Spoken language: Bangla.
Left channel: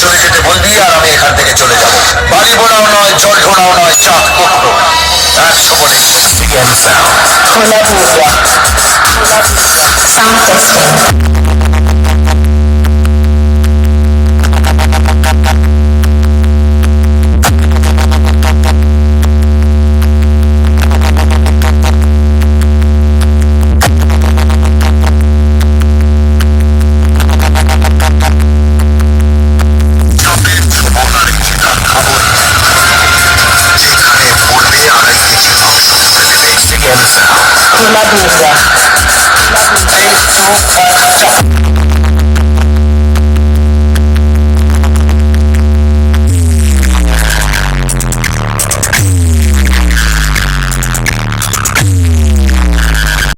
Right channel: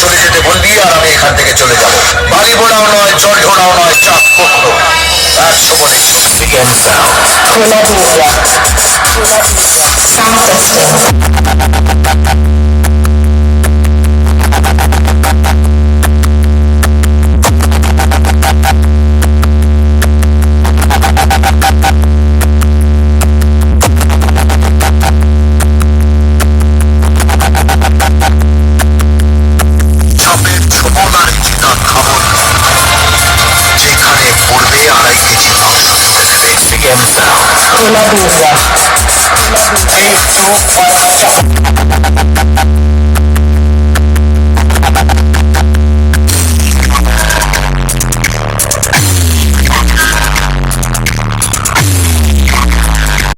চলে যেতে বলবি আর আমি এখান থেকে চলে যাব। বাড়ি বোনাও নয়, জল ঢোড়াও নয়, চাপ কখনো 100 বলে খোলা দুর্গা সাউন্ড টেস্টিং। যেখানে পড়বে 2.5 কেজি মাংস তুলে দেবে। খোলা দুর্গা একটু